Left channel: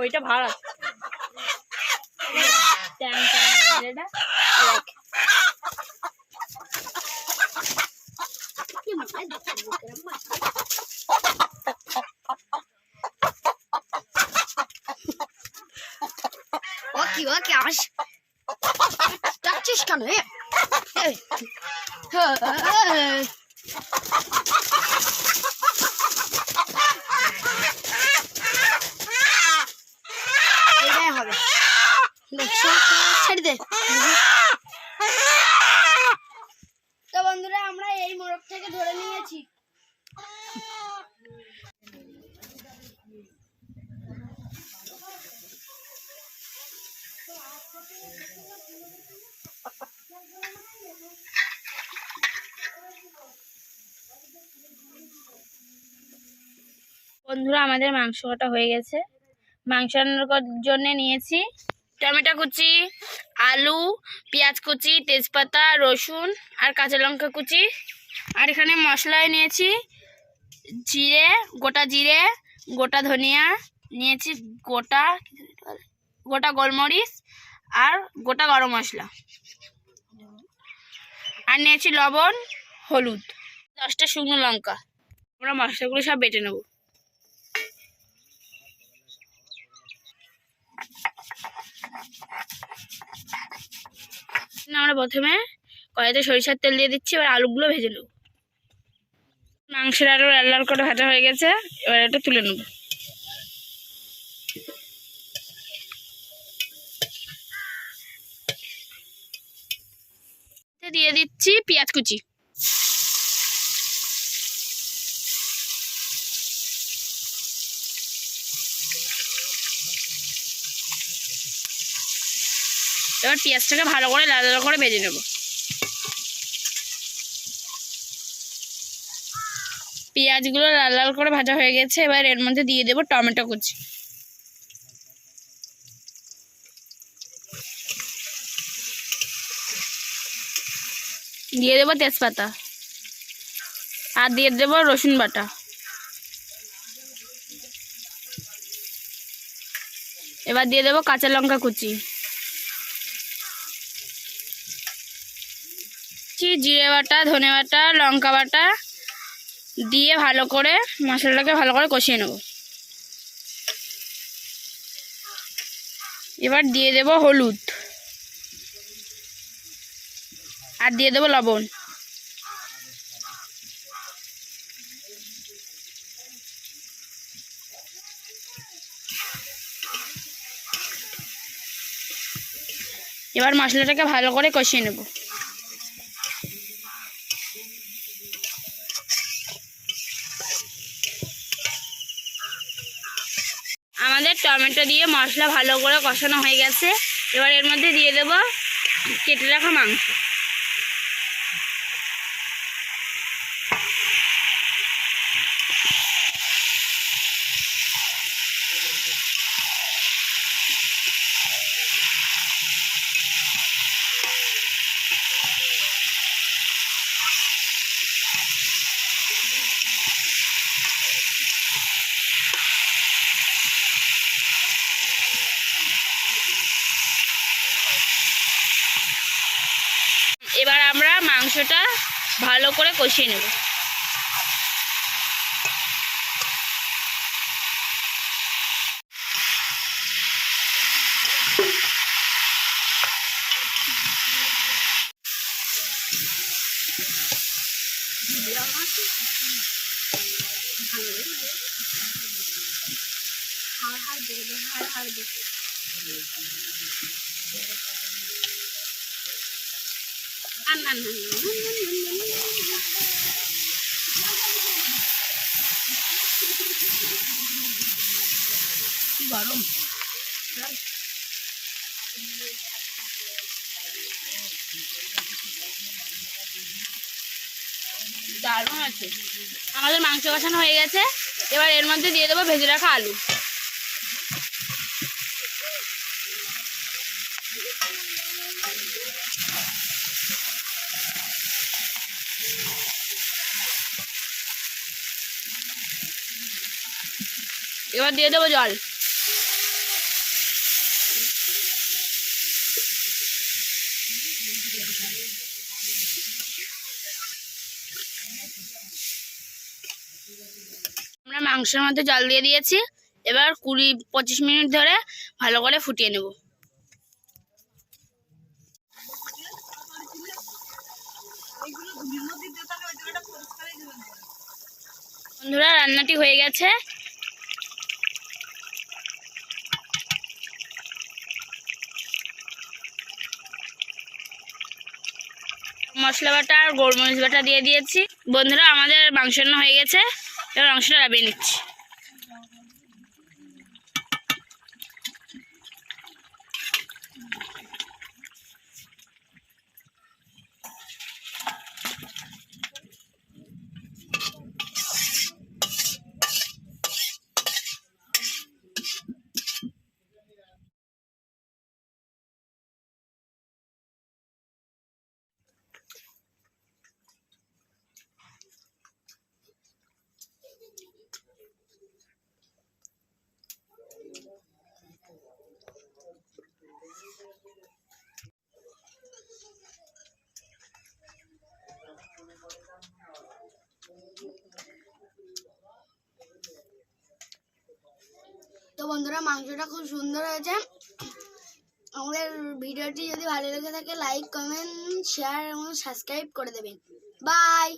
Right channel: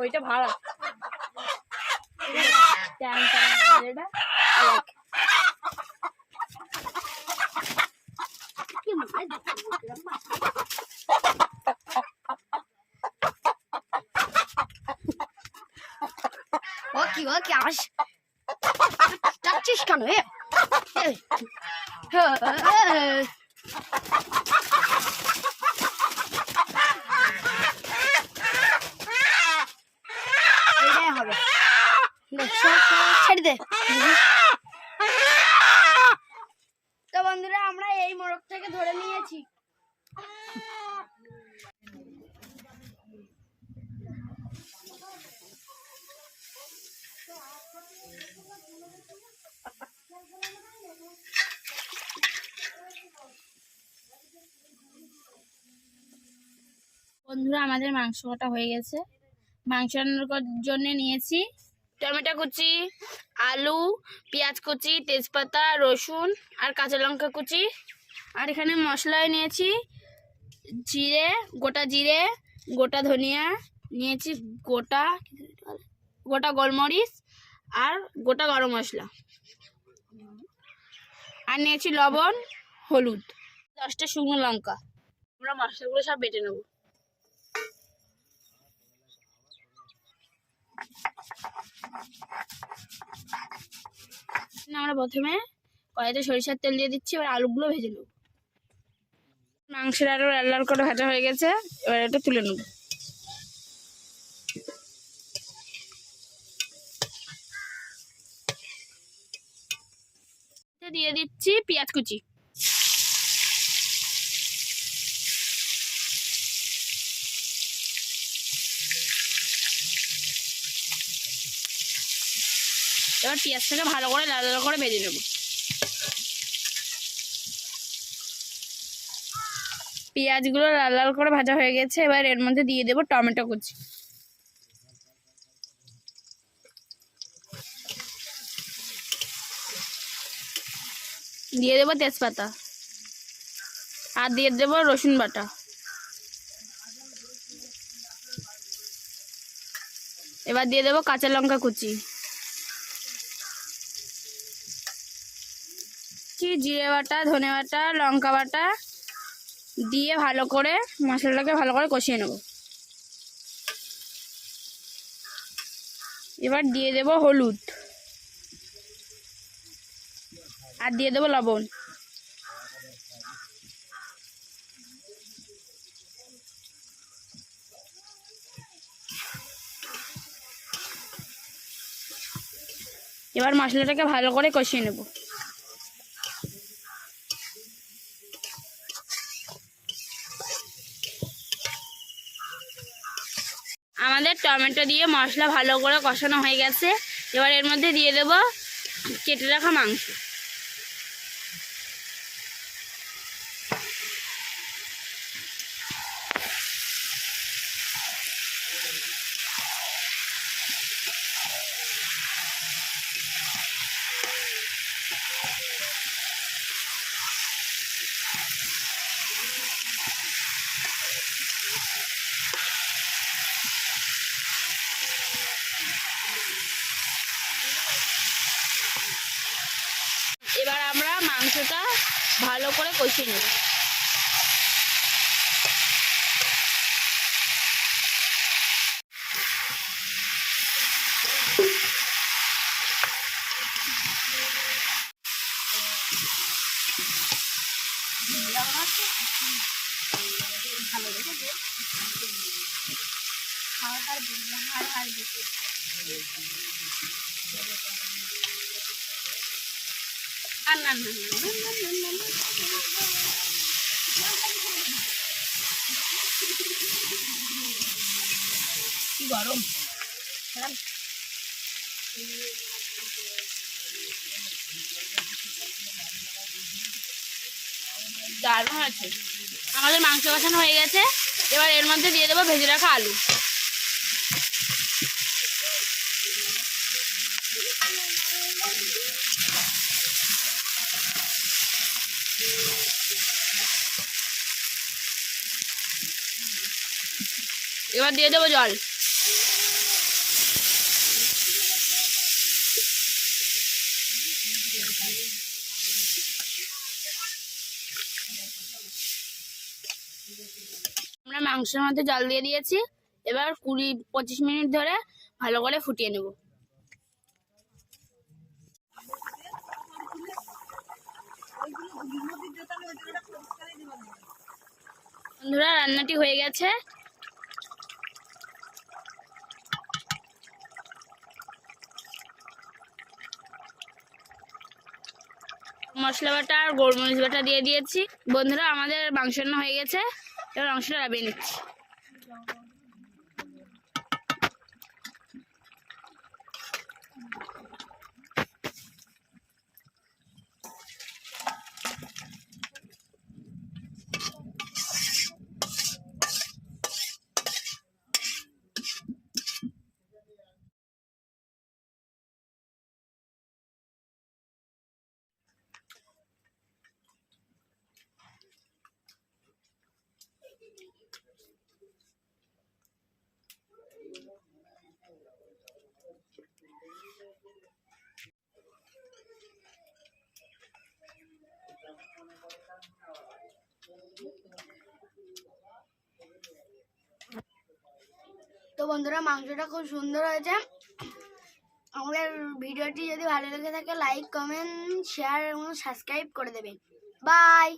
ওইটা ভাড়া ছেড়ে দে। তো বন্ধুরা আমরা এই মোরগ থেকে ধরে নিয়েছি। বন্ধুরা আমাদের মাংস কাটা হয়ে গেছে। মাংস রান্নার জন্য নিয়েছি টমেটো কুচি, আলু, পেঁয়াজ কুচি, তেজপাতা, রসুন আর কাঁচা লঙ্কা কুচি। আর এখানে মশলায় নিয়েছি জিরে, গোটা ধনিয়া নিয়েছি, গোটা গোলমরিচ আর গোটা গরম মশলা, আর নিয়েছি লবণ, হলুদ, 10টা শুকনো লঙ্কা। আমরা মশলাগুলো সব বেটে নেব। আমরা প্রথমে কড়াইতে সরিষার তেল দিয়ে দিচ্ছি। এবার আলুগুলো ভেজে নেব। মাংসের আলু লাল লাল করে ভাজা হয়ে গেছে। এবার এটা তুলে নেব। দিয়ে দিচ্ছি পেঁয়াজ কুচি। এবার পেঁয়াজটাকে ভালো করে লাল লাল করে ভেজে নেব। পেঁয়াজগুলো লাল লাল করে ভাজা হয়ে গেছে। এবার এর মধ্যে দিয়ে দেব টমেটো কুচি, দিয়ে দেব তেজপাতা, আর দিয়ে দেব রসুন বাটা। এবার দিয়ে দেব কাঁচা লঙ্কা কুচি, জিরে বাটা, ধনে বাটা, লঙ্কা বাটা দিয়ে ভালো করে মশলাটাকে ভালো করে কষিয়ে নেব। এবার দিয়ে দেব হলুদ আর দিয়ে দেব লবণ। এবার মশলাটাকে ভালো করে কষিয়ে নেব। আমাদের টমেটো দিয়ে মশলা ভালো করে কষানো হয়ে গেছে। এবার এর মধ্যে দিয়ে দেব কেটে রাখা মাংস। এবার আমরা মাংসটা ভালো করে কষিয়ে নেব। গরম দারুণ আছে। আমাদের মাংস কষানো হয়ে গেছে, এবার এর মধ্যে দিয়ে দেবো ভেজে রাখা আলু। এবার দিয়ে দেবো জল। আমরা মাংসের মধ্যে জল দিয়ে দিয়েছি, এবার 20-25 মিনিট ধরে ভালো করে ফুটিয়ে নেব। বন্ধুরা, রান্নাটি হয়ে গেছে। মশলা বাটা আর গোলমরিচ বাটা দিয়ে দিয়েছি। বন্ধুরা, আমাদের মাংস রান্না হয়ে গেছে, এবার মাংসটা নামিয়ে নিচ্ছি। তো বন্ধুরা, মাংসটা খুব সুন্দর হয়েছে। আমাদের ভিডিওটি যদি ভালো লেগে থাকে লাইক, কমেন্ট, শেয়ার এবং সাবস্ক্রাইব করে দেবেন। বাই।